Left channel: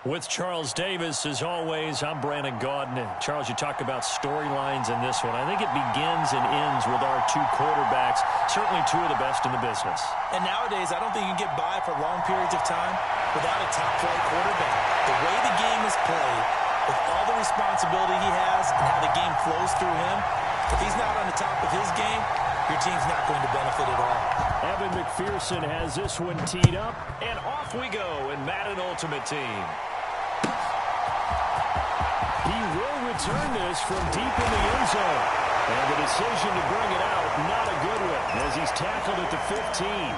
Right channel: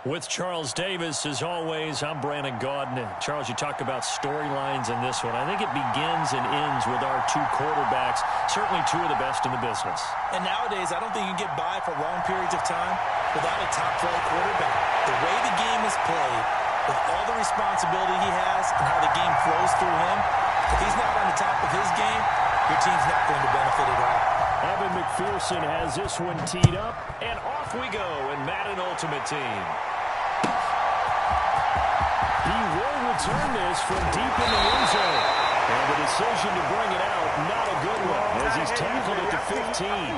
With Charles Davis, as always, I'm Brandon Gaudin. Charles, you talk about storylines in this one. I think it begins and ends with our two quarterbacks, certainly two of the best in the business. And nowadays, I don't think you can get by for long periods of time without a top-flight quarterback. The way the game is played, with all the responsibility he has and how the game flows through him, if he's not on the top of his game, your team's not going to benefit at all. Evan McPherson has this one teed up, and off we go in Madden Ultimate Team. He will return this from deep in the end zone. And the decision to bring it out, not a good one, as he's tackled at the 15.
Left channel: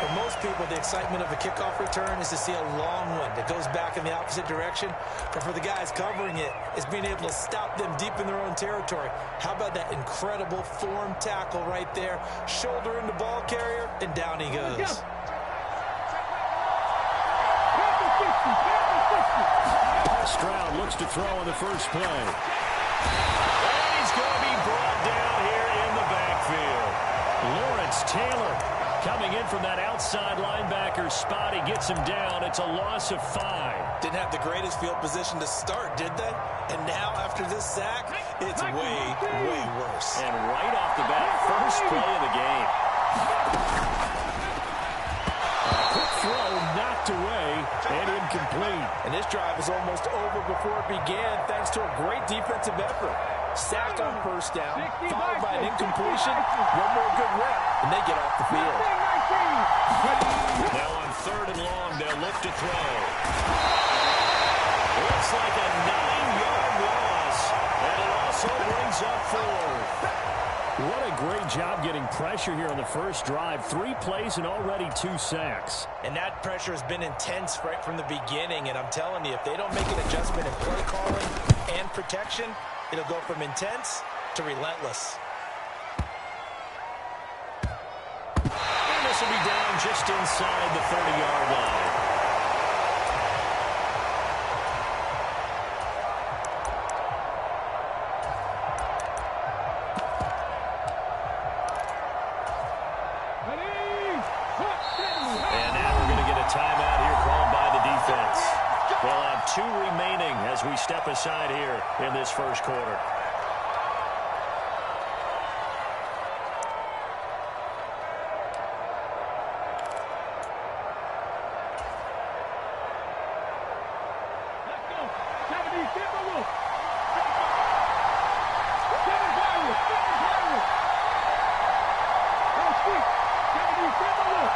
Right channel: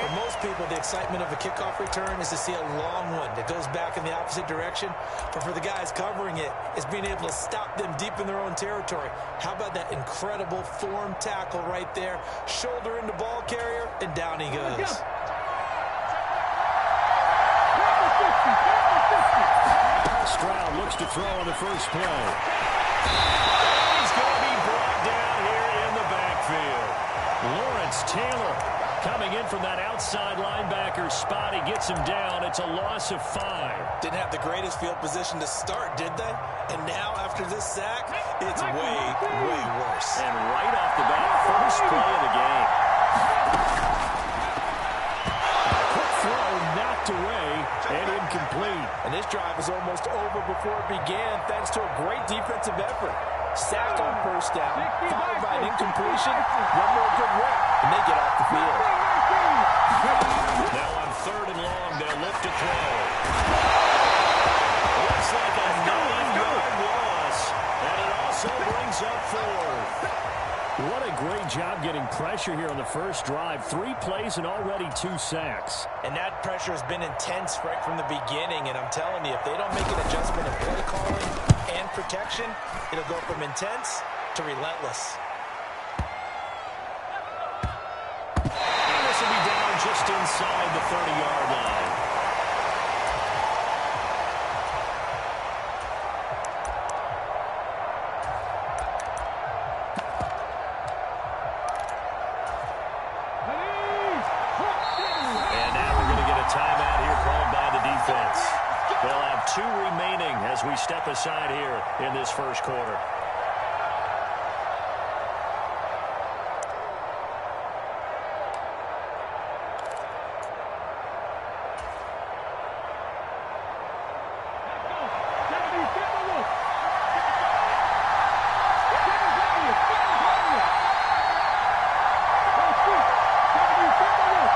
For most people, the excitement of a kickoff return is to see a long one that goes back in the opposite direction. But for the guys covering it, it's being able to stop them deep in their own territory. How about that incredible form tackle right there? Shoulder into ball carrier, and down he goes. Stroud looks to throw on the first play. And he's going to be brought down here in the backfield. Lawrence Taylor coming in from that outside linebacker spot. He gets him down. It's a loss of 5. Didn't have the greatest field position to start, did they? And now, after this sack, it's way, way worse. And right off the bat, first play of the game. Throw knocked away and incomplete. And this drive is almost over before it began thanks to a great defensive effort. Sack on first down, followed by an incompletion, one more good rep, and they get off the field. Now on 3rd and long, they'll look to throw. Looks like a 9-yard loss, and it also brings up 4th. What a great job getting pressure here on the first drive. 3 plays and already 2 sacks. And that pressure has been intense right from the beginning. And I'm telling you, if they don't make an adjustment in play calling and protection, it'll go from intense to relentless. And this will be down just inside the 30-yard line. Timeout here called by the defense. They'll have 2 remaining as we step aside here in this first quarter. Let's go. 70, get the wolf. Go, sweet. 70, get the wolf.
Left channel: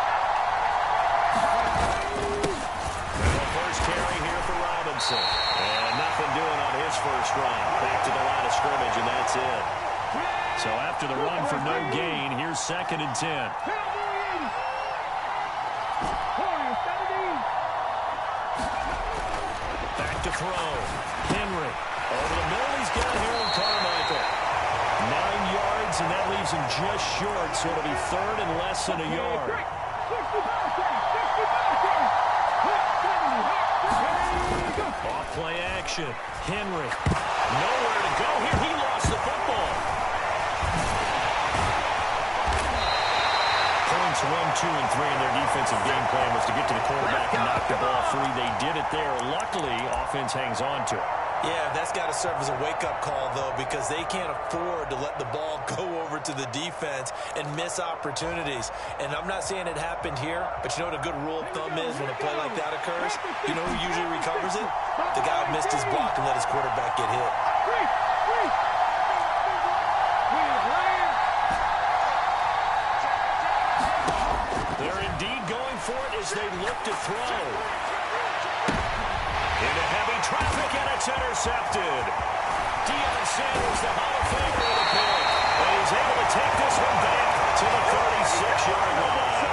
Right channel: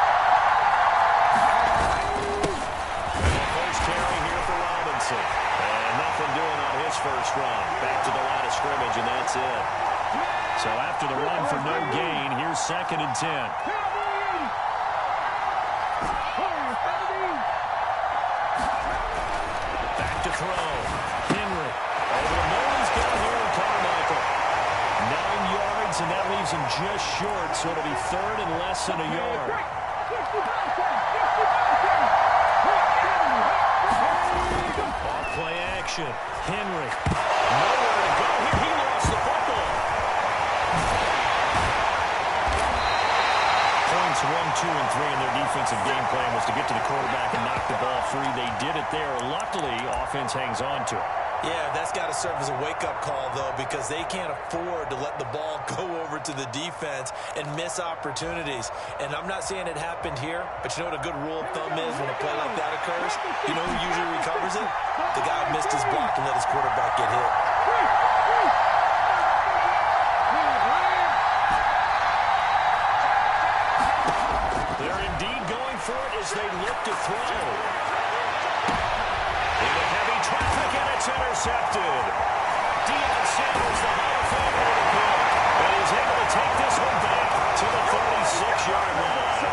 And nothing doing on his first run. Back to the line of scrimmage, and that's it. So after the run for no gain, here's 2nd and 10. Back to throw. Henry. Over the middle, he's got Harold Carmichael. 9 yards, and that leaves him just short, so it'll be 3rd and less than a yard. Off play action. Henry. Nowhere to go here. He lost the football. Points 1, 2, and 3 in their defensive game plan was to get to the quarterback and knock the ball free. They did it there. Luckily, offense hangs on to it. Yeah, that's got to serve as a wake-up call, though, because they can't afford to let the ball go over to the defense and miss opportunities. And I'm not saying it happened here, but you know what a good rule of thumb is when a play like that occurs? You know who usually recovers it? The guy who missed his block and let his quarterback get hit. They're indeed going for it as they look to throw. Into heavy traffic, and it's intercepted. Deion Sanders, the Hall of Famer, with a pick. And he's able to take this one back to the 36-yard line.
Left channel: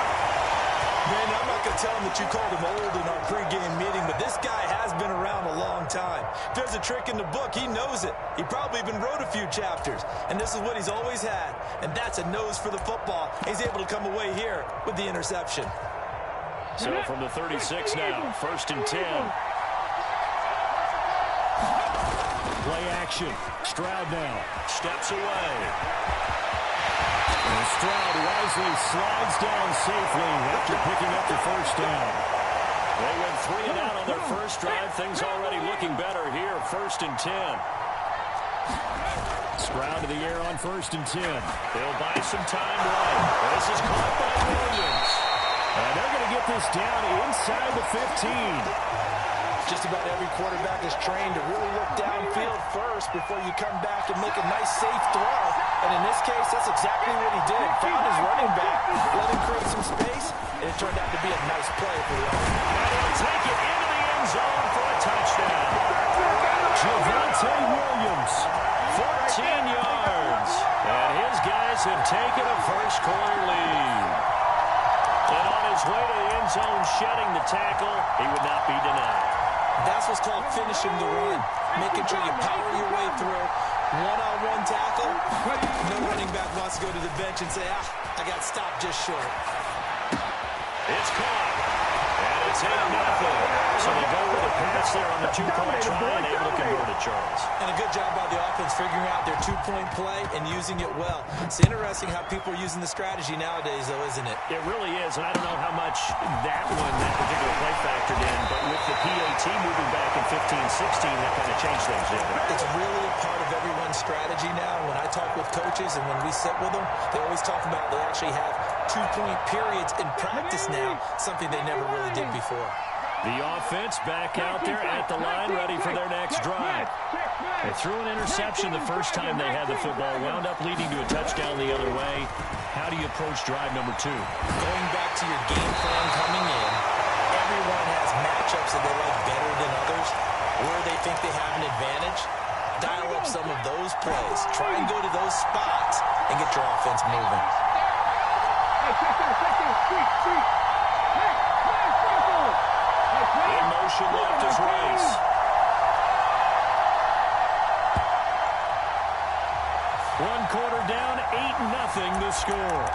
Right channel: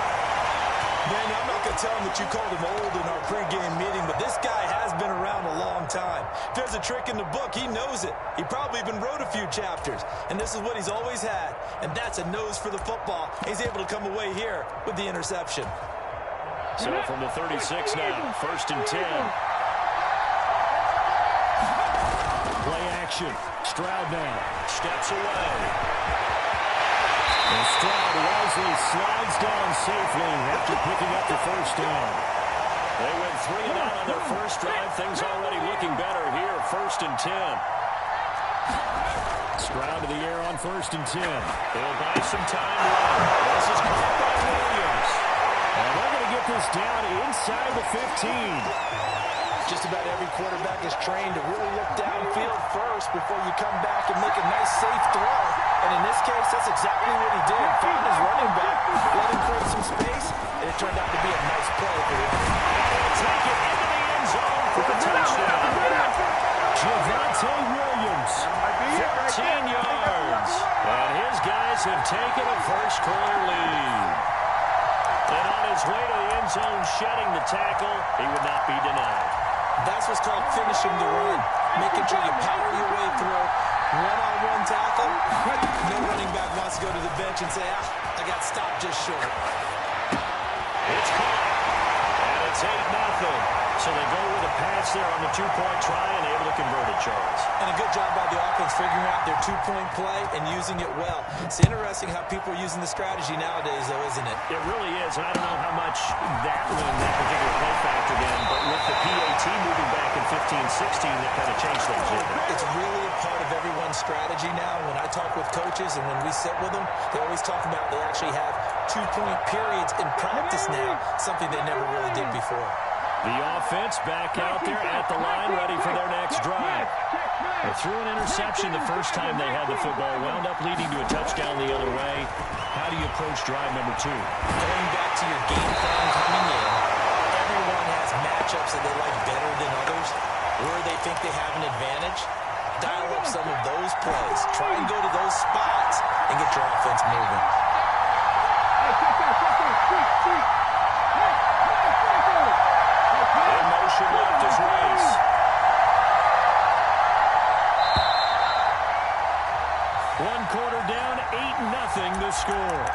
Man, I'm not going to tell him that you called him old in our pregame meeting, but this guy has been around a long time. If there's a trick in the book, he knows it. He probably even wrote a few chapters. And this is what he's always had. And that's a nose for the football. He's able to come away here with the interception. So from the 36 now, 1st and 10. Play action. Stroud now steps away. And Stroud wisely slides down safely after picking up the first down. They went 3 and out on their first drive. Things already looking better here. 1st and 10. Stroud to the air on 1st and 10. He'll buy some time running. This is caught by Williams. And they're going to get this down inside the 15. Just about every quarterback is trained to really look downfield first before you come back and make a nice, safe throw. And in this case, that's exactly what he did. Found his running back, let him create some space, and it turned out to be a nice play for the offense. And he'll take it into the end zone for a touchdown. Javonte Williams, 14 yards. And his guys have taken a first-quarter lead. And on his way to the end zone, shedding the tackle, he would not be denied. That's what's called finishing the run, making sure you power your way through. One-on-one tackle. No running back wants to go to the bench and say, I got stopped just short. It's caught. And it's 8-0. So they go with a pass there on the 2-point try and able to convert it, Charles. And a good job by the offense figuring out their 2-point play and using it well. It's interesting how people are using the strategy nowadays, though, isn't it? It really is, and I don't know how much that particular play factored in, but with the PAT moving back in 15-16, that kind of changed things, didn't it? It's really a part of everyone's strategy now. When I talk with coaches and when we sit with them, they always talk about they actually have 2-point periods in practice now, something they never really did before. The offense back out there at the line, ready for their next drive. They threw an interception the first time they had the football, wound up leading to a touchdown the other way. How do you approach drive number 2? Going back to your game plan coming in, everyone has matchups that they like better than others, where they think they have an advantage. Dial up some of those plays. Try and go to those spots and get your offense moving. Hey, check that. Hey, in motion left is Rice. One quarter down, 8-0 the score.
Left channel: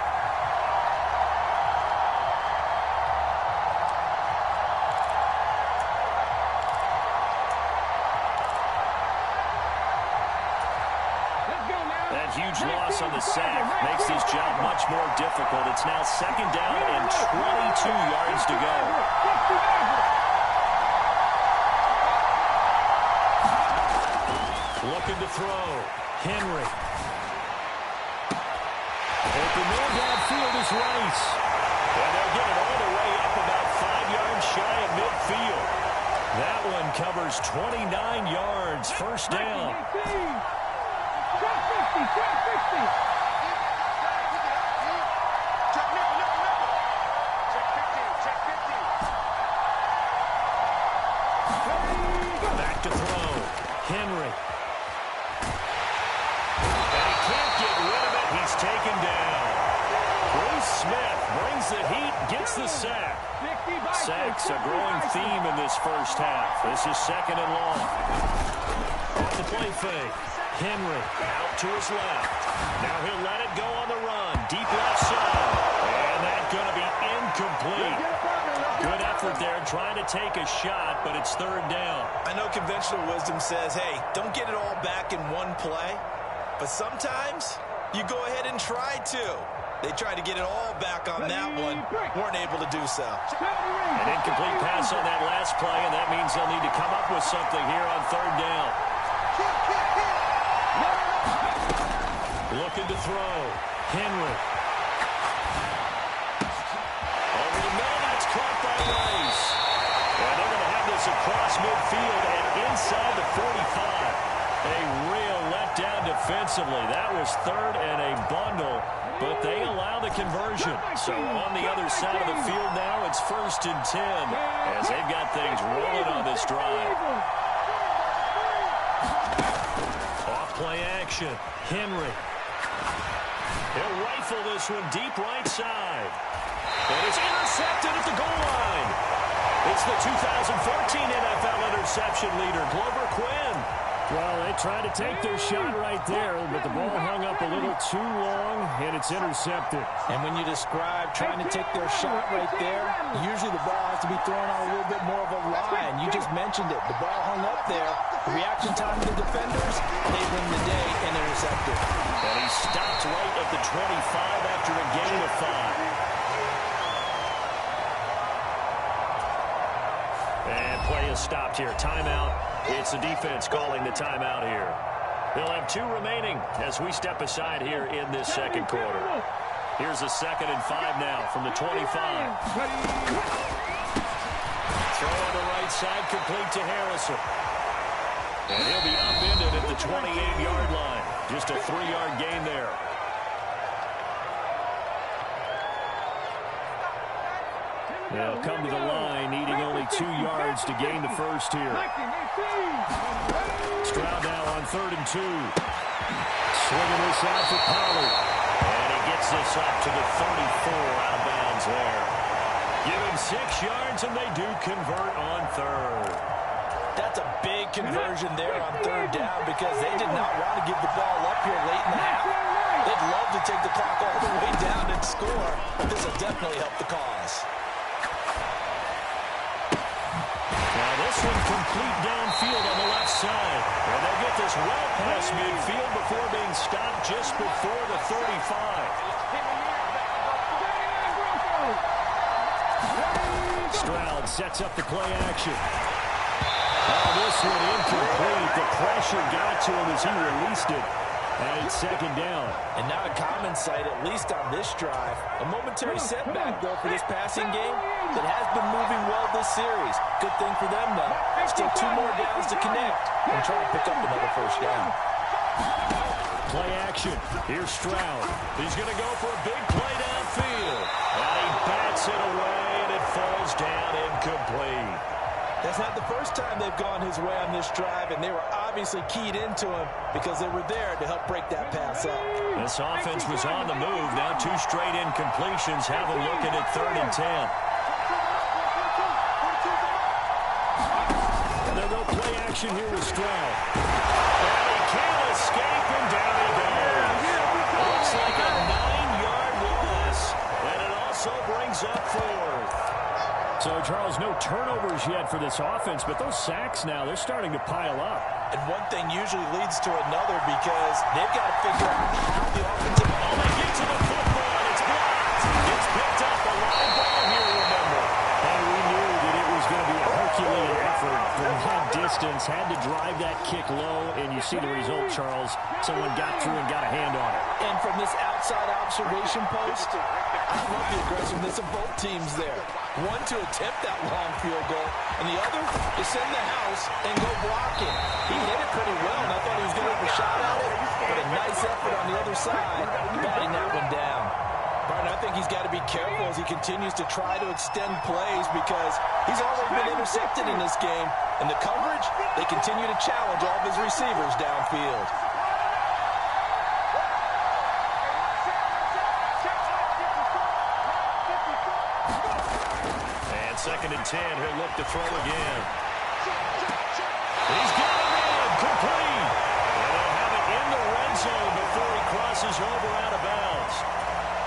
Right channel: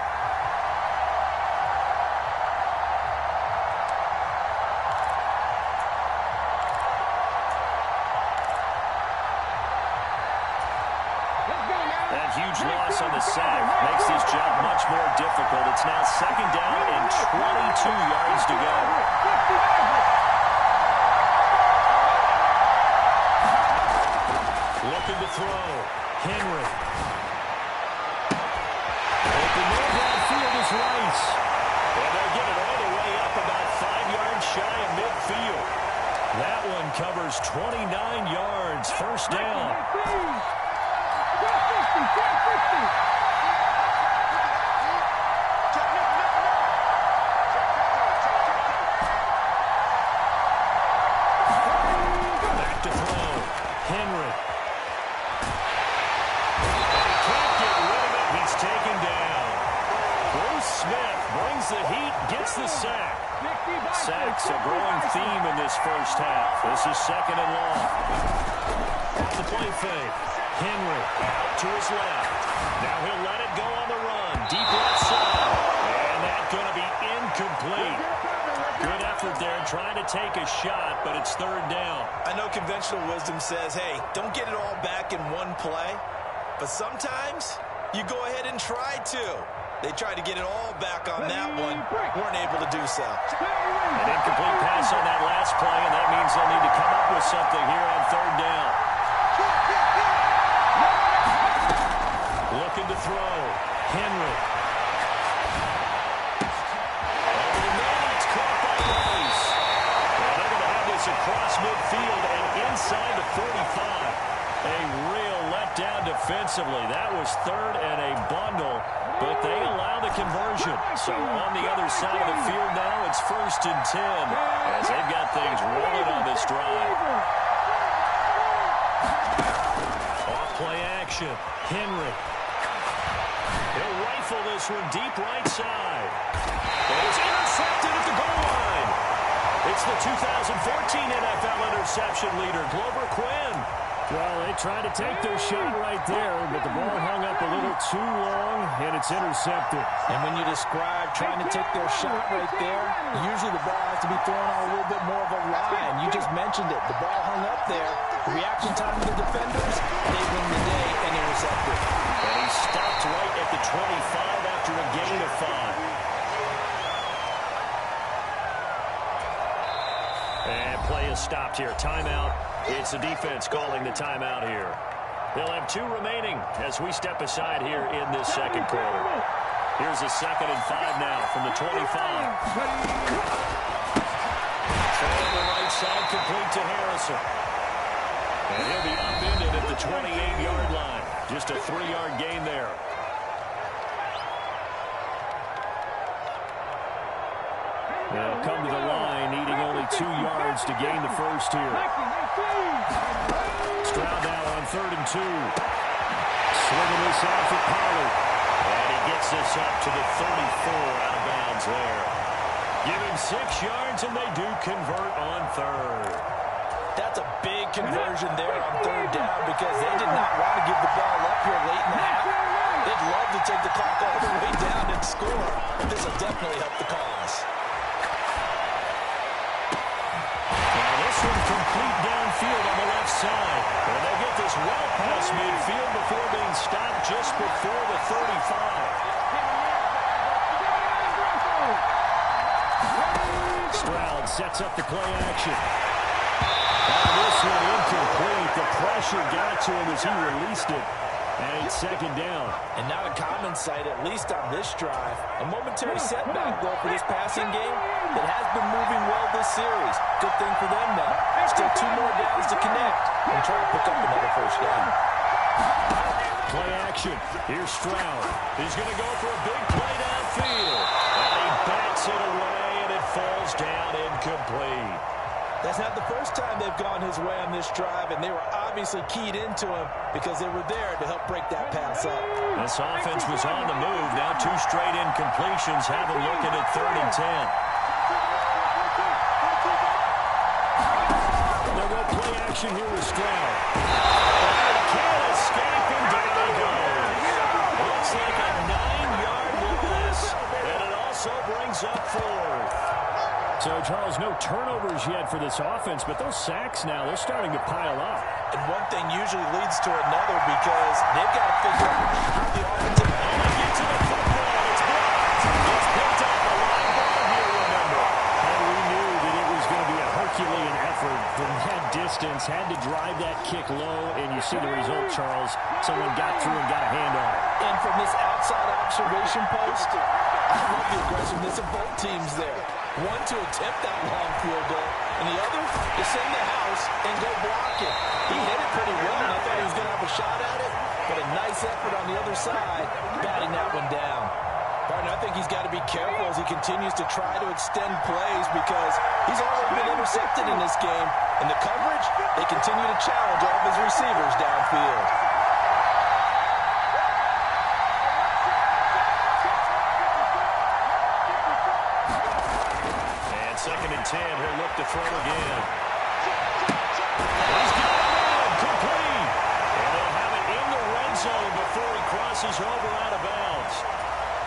That huge loss on the sack makes this job much more difficult. It's now 2nd down and 22 yards to go. Looking to throw. Henry. Open there downfield is Rice. And they'll get it all the way up about 5 yards shy of midfield. That one covers 29 yards. 1st down. Check 50. Back to throw. Henry. And he can't get rid of it. He's taken down. Bruce Smith brings the heat, gets the sack. Sacks a growing theme in this first half. This is 2nd and long. Off the play fake. Henry out to his left. Now he'll let it go on the run. Deep left side. And that's going to be incomplete. Good effort there trying to take a shot, but it's 3rd down. I know conventional wisdom says, hey, don't get it all back in one play. But sometimes you go ahead and try to. They tried to get it all back on that one. Weren't able to do so. An incomplete pass on that last play, and that means they'll need to come up with something here on 3rd down. Looking to throw. Henry. Over the middle, that's caught by Rice. And they're going to have this across midfield and inside the 45. A real letdown defensively. That was 3rd and a bundle, but they allow the conversion. So on the other side of the field now, it's 1st and 10 as they've got things rolling on this drive. Off play action. Henry. He'll rifle this one deep right side. It is intercepted at the goal line. It's the 2014 NFL interception leader, Glover Quinn. Well, they tried to take their shot right there, but the ball hung up a little too long, and it's intercepted. And when you describe trying to take their shot right there, usually the ball has to be thrown on a little bit more of a line. You just mentioned it. The ball hung up there. The reaction time of the defenders, they win the day and intercept it. And he stopped right at the 25 after a gain of 5. play is stopped here. Timeout. It's the defense calling the timeout here. They'll have 2 remaining as we step aside here in this second quarter. Here's a 2nd and 5 now from the 25. Throw on the right side, complete to Harrison. And he'll be upended at the 28-yard line. Just a 3-yard gain there. They'll come to the line, needing only 2 yards to gain the first here. Stroud now on 3rd and 2. Swinging this out for Pollard. And he gets this up to the 34 out of bounds there. Give him 6 yards, and they do convert on 3rd. That's a big conversion there on 3rd down because they did not want to give the ball up here late in the half. They'd love to take the clock all the way down and score. This will definitely help the cause. Now this one complete downfield on the left side. And they'll get this well past midfield before being stopped just before the 35. Stroud sets up the play action. Now this one incomplete. The pressure got to him as he released it. And it's 2nd down. And not a common sight, at least on this drive. A momentary setback, though, for this passing game that has been moving well this series. Good thing for them, though. Still 2 more downs to connect and try to pick up another first down. Play action. Here's Stroud. He's going to go for a big play downfield. And he bats it away, and it falls down incomplete. That's not the first time they've gone his way on this drive, and they were obviously keyed into him because they were there to help break that pass up. This offense was on the move. Now 2 straight incompletions have them looking at 3rd and 10. They'll go play action here with Stroud. And he can't escape, and down he goes. Looks like a 9-yard loss, and it also brings up 4th. So, Charles, no turnovers yet for this offense, but those sacks now, they're starting to pile up. And one thing usually leads to another because they've got to figure out how the offensive... Oh, they get to the football. It's blocked. It's picked up a live ball here, remember. And we knew that it was going to be a Herculean effort from that distance. Had to drive that kick low, and you see the result, Charles. Someone got through and got a hand on it. And from this outside observation post, I love the aggressiveness of both teams there. One to attempt that long field goal, and the other to send the house and go block it. He hit it pretty well, and I thought he was going to have a shot at it, but a nice effort on the other side, batting that one down. Barton, I think he's got to be careful as he continues to try to extend plays because he's already been intercepted in this game. In the coverage, they continue to challenge all of his receivers downfield. And 2nd and 10, he'll look to throw again. He's got him in, complete. And they'll have it in the red zone before he crosses over out of bounds.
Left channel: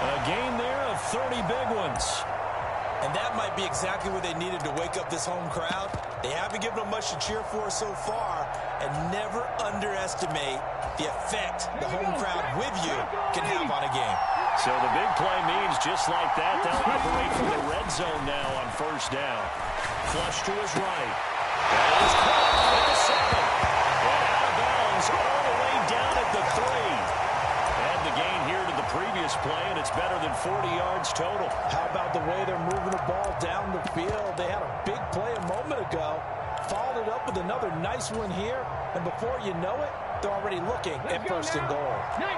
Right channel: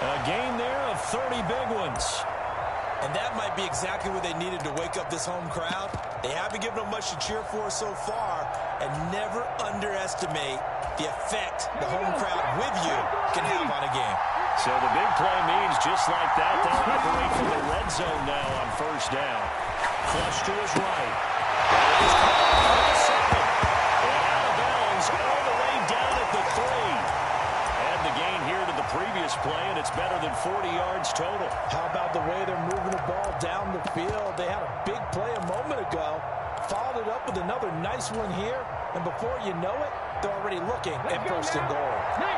A gain there of 30 big ones. And that might be exactly what they needed to wake up this home crowd. They haven't given them much to cheer for so far, and never underestimate the effect the home crowd with you can have on a game. So the big play means just like that, they'll operate from the red zone now on 1st down. Flush to his right. That is caught for the 7. And out of bounds all the way down at the 3. And the gain here to the previous play, and it's better than 40 yards total. How about the way they're moving the ball down the field? They had a big play a moment ago, followed it up with another nice one here, and before you know it, they're already looking at 1st and goal. 19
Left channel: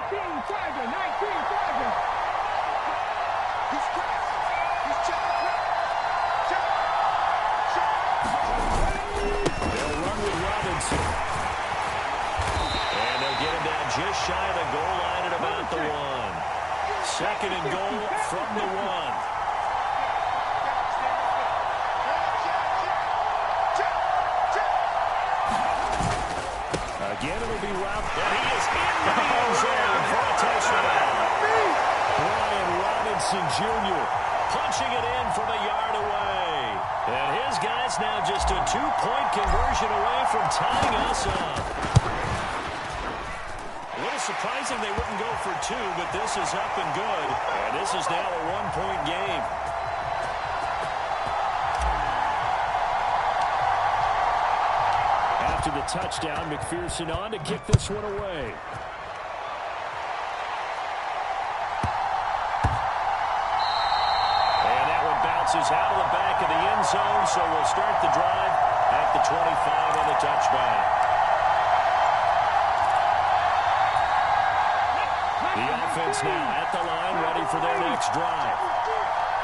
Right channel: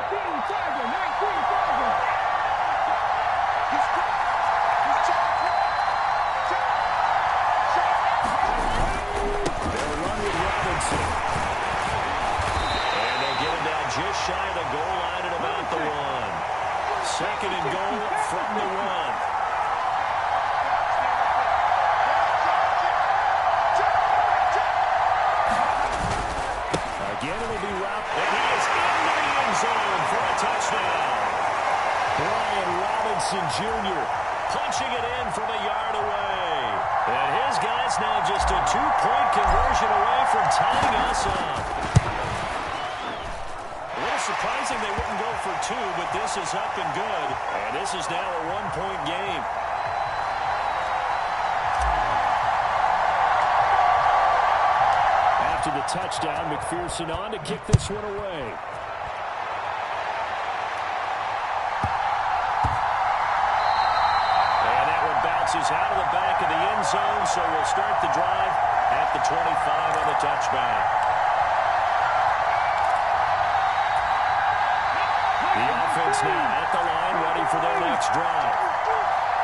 Tiger, 19 Tiger. They'll run with Robinson. And they'll get him down just shy of the goal line at about the 1. 2nd and goal from the 1. Again, it'll be Rob, and he is into the end zone for a touchdown. Brian Robinson Jr. punching it in from a yard away. And his guy's now just a 2-point conversion away from tying us up. A little surprising they wouldn't go for 2, but this is up and good. And this is now a 1-point game. after the touchdown. McPherson on to kick this one away. And that one bounces out of the back of the end zone, so we'll start the drive at the 25 on the touchback. The offense now at the line, ready for their next drive.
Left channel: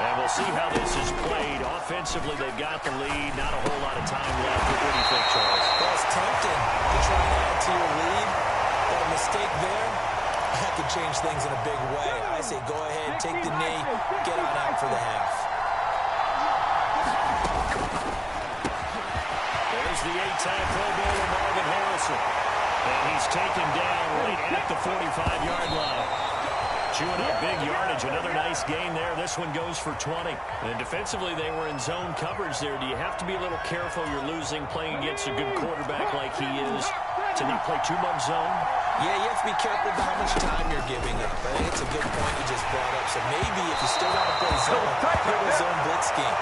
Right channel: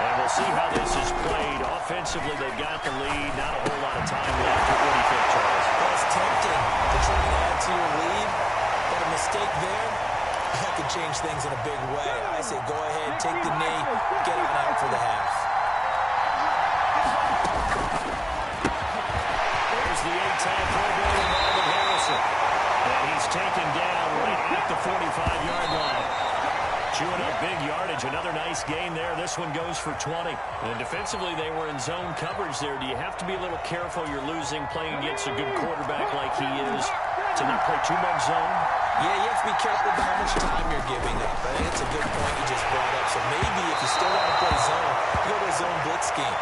And we'll see how this is played. Offensively, they've got the lead. Not a whole lot of time left. What do you think, Charles? Well, it's tempting to try and add to your lead, but a mistake there, that could change things in a big way. I say go ahead, take the knee, get on out for the half. There's the 8-time Pro Bowler Marvin Harrison. And he's taken down right at the 45-yard line. Chewing up big yardage. Another nice gain there. This one goes for 20. And defensively, they were in zone coverage there. Do you have to be a little careful? You're losing playing against a good quarterback like he is to not play too much zone? Yeah, you have to be careful about how much time you're giving up. I think it's a good point you just brought up. So maybe if you still want to play zone, you go to a zone blitz scheme.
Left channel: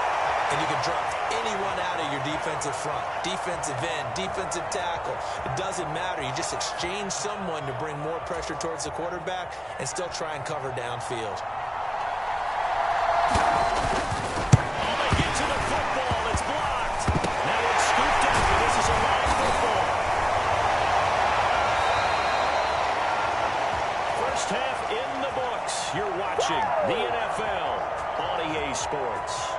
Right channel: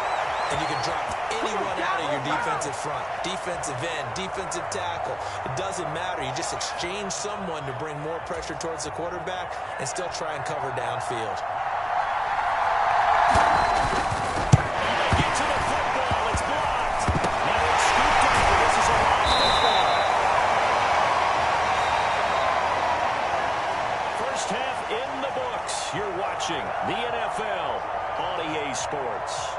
And you can drop anyone out of your defensive front, defensive end, defensive tackle. It doesn't matter. You just exchange someone to bring more pressure towards the quarterback and still try and cover downfield. Oh, they get to the football. It's blocked. Now it's scooped up, and this is a live football. First half in the books. You're watching the NFL on EA Sports.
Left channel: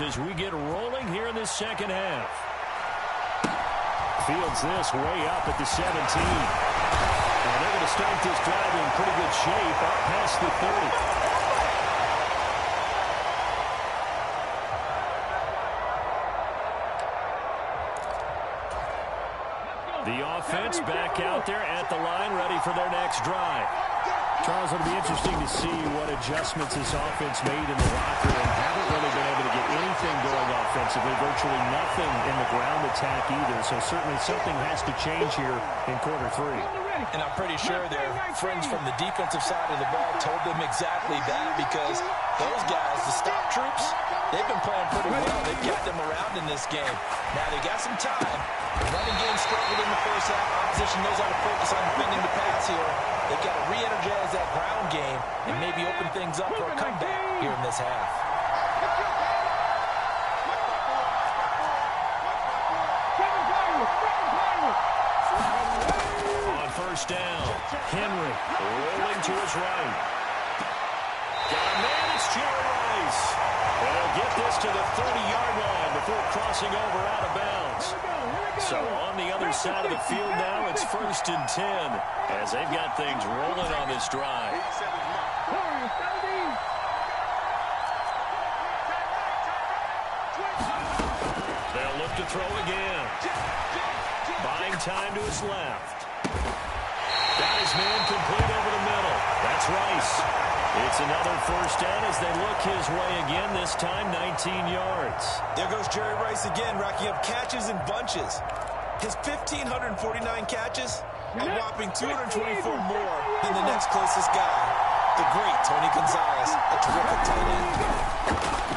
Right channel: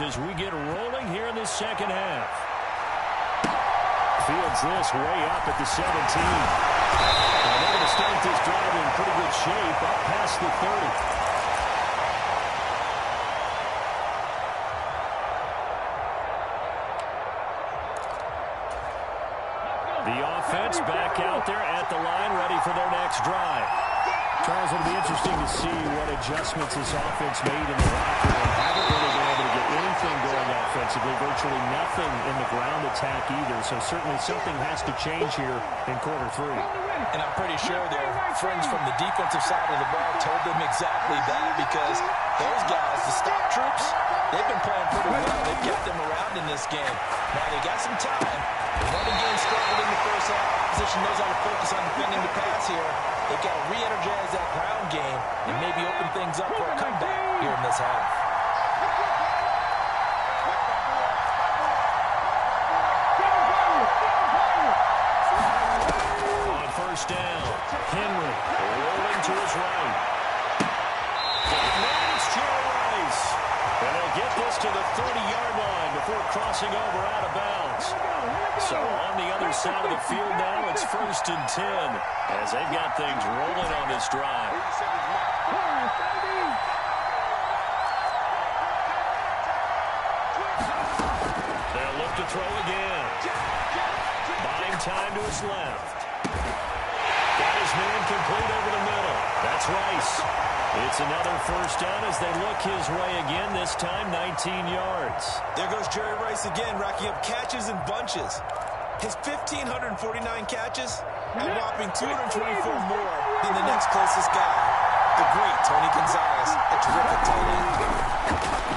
As we get rolling here in this second half. Fields this way up at the 17. And they're going to start this drive in pretty good shape up past the 30. The offense back out there at the line, ready for their next drive. Charles, it'll be interesting to see what adjustments this offense made in the locker room. Haven't really been able to get anything going offensively, virtually nothing in the ground attack either. So certainly something has to change here in quarter three. And I'm pretty sure their friends from the defensive side of the ball told them exactly that, because those guys, the stop troops, they've been playing pretty well. They've got them around in this game. Now they got some time. The running game struggled in the first half. Opposition knows how to focus on defending the pass here. They've got to re-energize that ground game and maybe open things up for a comeback here in this half. On first down, Henry rolling to his right. Got a man, it's Jerry Rice. And they'll get this to the 30-yard line before crossing over out of bounds. So on the other side of the field now, it's 1st and 10 as they've got things rolling on this drive. They'll look to throw again. Buying time to his left. Got his man complete over the middle. That's Rice. It's another first down as they look his way again, this time 19 yards. There goes Jerry Rice again, racking up catches in bunches. His 1,549 catches, a whopping 224 more than the next closest guy, the great Tony Gonzalez, a terrific tight end.